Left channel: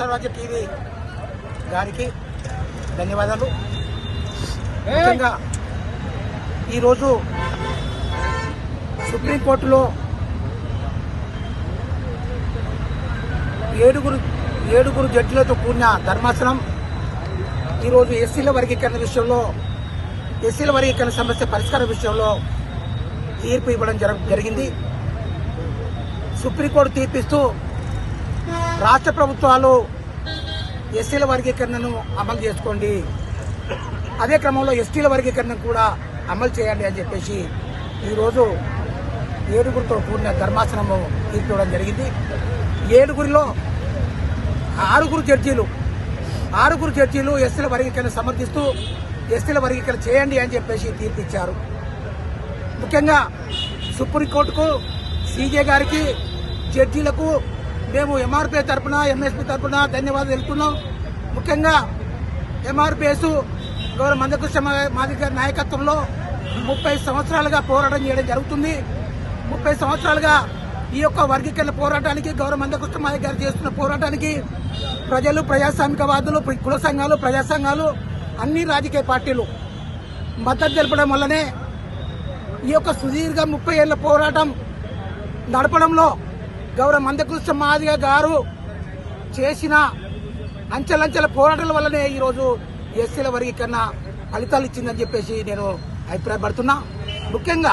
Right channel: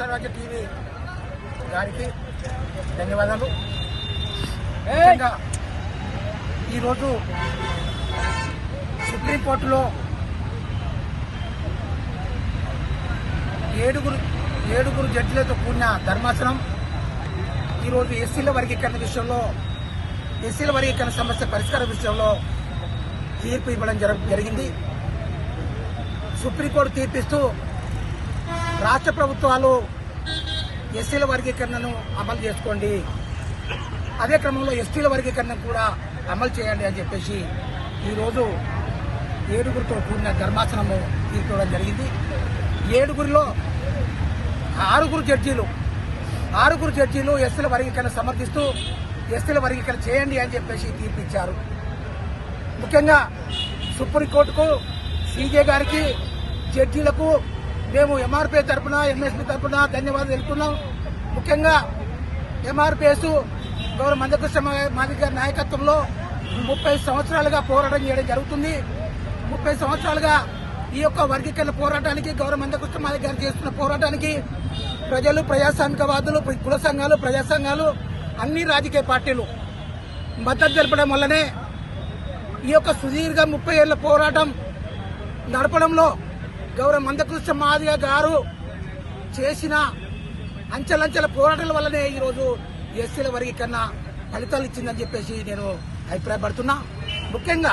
స్వరాజ్య TV గారికి ధన్యవాదాలు. ముఖ్యంగా ఈరోజు సుప్రీంకోర్టులో ఏడుగురు జడ్జిలతో కూడిన ధర్మాసనం ఈరోజు ఎస్సీల వర్గీకరణ విషయంలో, ఎస్సీల వర్గీకరణ సమస్య పరిష్కార విషయంలో తీర్పు ఇవ్వడం జరిగింది. సుప్రీంకోర్టు తీర్పిస్తూ రాష్ట్ర ప్రభుత్వాలు ఎస్సీల వర్గీకరణను అమలు చేసుకోండి, అదే క్రమంలో ఎస్టీల వర్గీకరణ కూడా అమలు చేయండి అని చెప్పేసి ఈరోజు ఏడుగురితో కూడిన ధర్మాసనము తీర్పు ఇవ్వడం జరిగింది. ఏడుగురిలో ఆరుగురు జడ్జీలు ఎస్సీల వర్గీకరణ సమర్థిస్తూ ఎస్సీల వర్గీకరణ చేయండి అని చెప్పేసి తీర్పు ఇచ్చారు. ముఖ్యంగా సుప్రీంకోర్టుకు, సీజే గారికి, జడ్జీలకు మేము ఎంఆర్పీఎస్ తరఫున, ఎంఎస్పీ తరఫున ధన్యవాదాలు తెలుపుతున్నాం. ముఖ్యంగా ఎంఆర్పీఎస్ గౌరవ మందకృష్ణ మాదిగ గారి నాయకత్వంలో 30 సంవత్సరాలుగా పోరాటం చేయడం జరుగుతుంది. 30 సంవత్సరాలుగా ఈ యొక్క వర్గీకరణ పోరాటానికి, గౌరవ మందకృష్ణ మాదిగ గారు చేస్తున్న పోరాటానికి ప్రజలు, ప్రజాస్వామికవాదులు, కుల సంఘాలు, ప్రజా సంఘాలు, అన్ని రాజకీయ పార్టీలు మద్దతు తెలపడం వల్లనే ఈ యొక్క సుదీర్ఘ 30 ఏళ్ల పోరాటం నడపడంలో గౌరవ మందకృష్ణ మాదిగ గారు చేసిన అంచెలంచెల పోరాటాల వల్లనే ఈరోజు ఎస్సీల వర్గీకరణ ఫలితాలు ఇచ్చిందని చెప్పేసి నేను అభిప్రాయపడుతున్నా. ముఖ్యంగా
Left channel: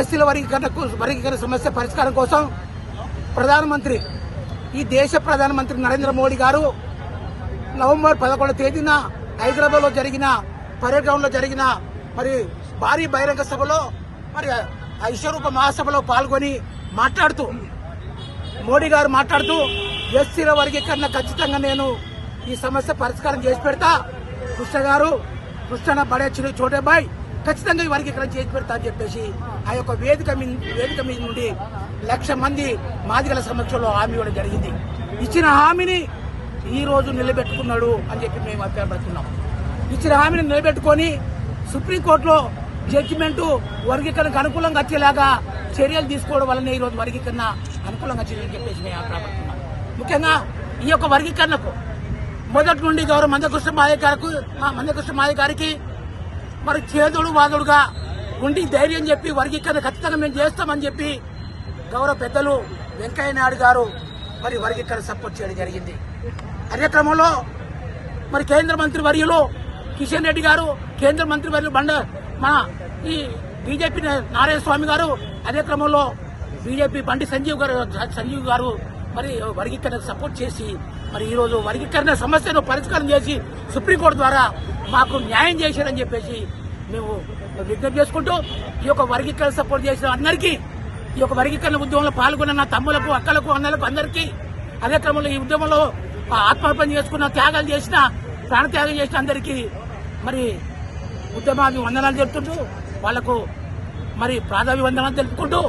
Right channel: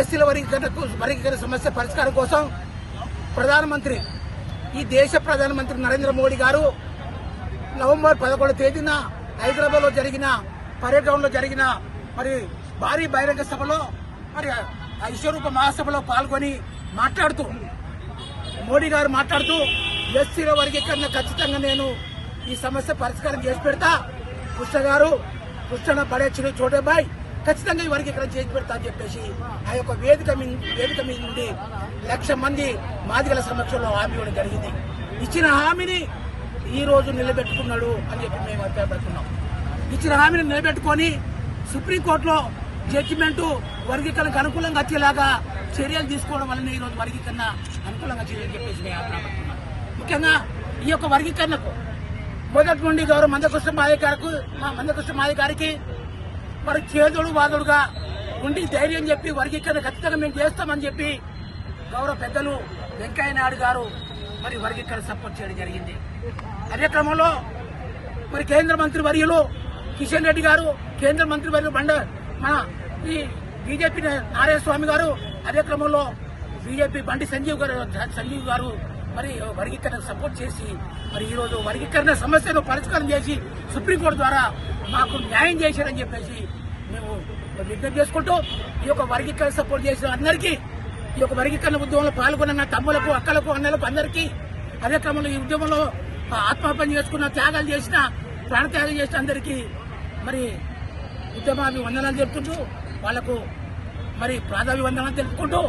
ఎస్సీల వర్గీకరణ సమస్య పరిష్కారం కోసం ప్రధానమంత్రి, ఈ దేశ ప్రధానమంత్రి నరేంద్ర మోడీ గారు నవంబర్ 11వ తేదీన హైదరాబాద్ లో జరిగిన పరేడ్ గ్రౌండ్ లో జరిగిన మరి భారీ బహిరంగ సభలో, మరి విశ్వరూప మహాసభలో పాల్గొని మోడీ గారు మాట్లాడుతూ ఎస్సీల వర్గీకరణ ఖచ్చితంగా నేను ఈ సమస్య పరిష్కారం చేసి పెడతా, కృష్ణ బడే చోటే బాయ్ ఖచ్చితంగా ఈ వర్గీకరణ చేసి పెడతా అని చెప్పేసి ఆ యొక్క వేదిక మీద నుండి 1,00,000 మంది మాదిగల సమక్షంలో హామీ ఇవ్వడం జరిగింది. ఇచ్చిన హామీని ఈ రోజు నిలబెట్టుకున్నాడు అని చెప్పి మేము అభిప్రాయపడుతున్నాం. ఇచ్చిన హామీని నిలబెట్టుకుని సుప్రీంకోర్టులో జడ్జిమెంట్ వర్గీకరణకు అనుకూలంగా వచ్చేలాగా చర్యలు తీసుకోవడం వల్లనే ఈ రోజు వర్గీకరణ అనుకూలంగా వచ్చిందని చెప్పేసి మేము అభిప్రాయపడుతున్నాం. ముఖ్యంగా ఈ యొక్క వర్గీకరణకు మొదటి నుండి గౌరవ మందకృష్ణ మాదిగ గారికి మరి చేదుడు వాదుడుగా ఉండి ధైర్యం చెప్పి వర్గీకరణ ఖచ్చితంగా మేము చేస్తామని చెప్పి గౌరవ పెద్దలు వెంకయ్య నాయుడు గారు మరి వర్గీకరణ సపోర్ట్ చేయడం జరిగింది. అదే క్రమంలో మరి కేంద్ర మంత్రి వర్యులు కిషన్ రెడ్డి గారు, కేంద్ర మంత్రి వర్యులు మన ఈ బీజేపీ నారాయణ స్వామి గారు, అదే క్రమంలో బీజేపీ బండి సంజీవ్ గారు మరి వర్గీకరణ సపోర్ట్ చేసి మరి ఈ రోజు వర్గీకరణ సమస్యను పరిష్కారం చేసి సుప్రీంకోర్టు ద్వారా మాకు న్యాయం చేశారని చెప్పేసి మేము విజ్ఞప్తి చేసుకుంటూ ఈ యొక్క వర్గీకరణ సపోర్ట్ చేసిన అందరికీ, ఈ యొక్క వర్గీకరణ ఉద్యమంలో పాల్గొన్న నా తమ్ములకు, అక్కలకు, అన్నలకు అందరికీ, అదే క్రమంలో ఈ ఉద్యమంలో ఆత్మహత్య చేసుకున్న, త్యాగాలు చేసిన, ప్రాణత్యాగం చేసిన అందరికీ మరి ఉద్యమాన్ని వందనాలు తెలుపుకుంటూ వాళ్లకు మరి ప్రాధాన్య వందనాలు తెలుపుకుంటూ